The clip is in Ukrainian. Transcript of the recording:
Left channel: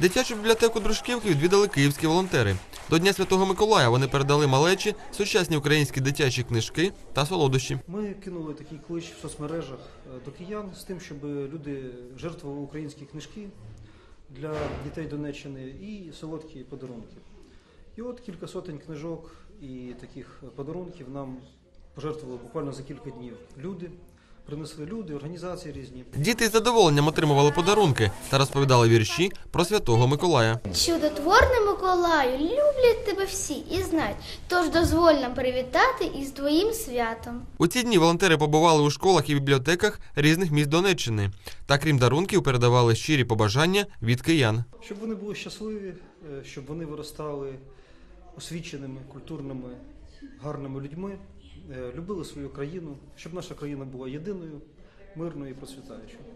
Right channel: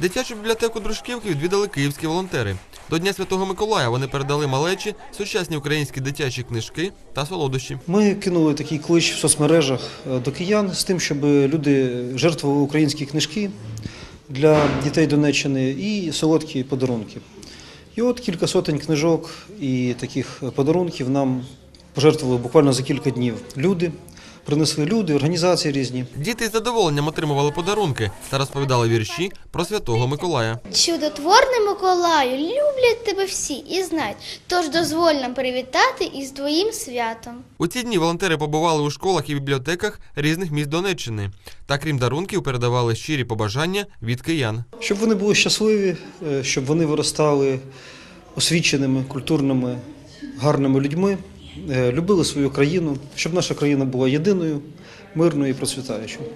Дитячу бібліотеку Дружківки відвідали київські волонтери. До Дня Святого Миколая вони передали малечі сучасні українські дитячі книжки та солодощі. Ми кинули такий клич в соцмережах е, до киян з тим, щоб люди жертвували українські книжки для дітей Донеччини і солодкі подарунки. І от кілька сотень книжок і таких подарунків нам пожертвували буквально за кілька днів. Люди принесли люди, організації різні. Діти із задоволенням отримували подарунки та розповідали вірші про Святого Миколая. Чудотворний Миколаю, люблять тебе всі і знають, тож дозволь нам привітати із твоїм святом. У ці дні волонтери побували у школах і бібліотеках різних міст Донеччини. Та крім дарунків, передавали щирі побажання від киян. Щоб вони були щасливі, е, щоб вони виростали освіченими, культурними, гарними людьми, любили свою країну, щоб наша країна була єдиною, мирною і процвітаючою.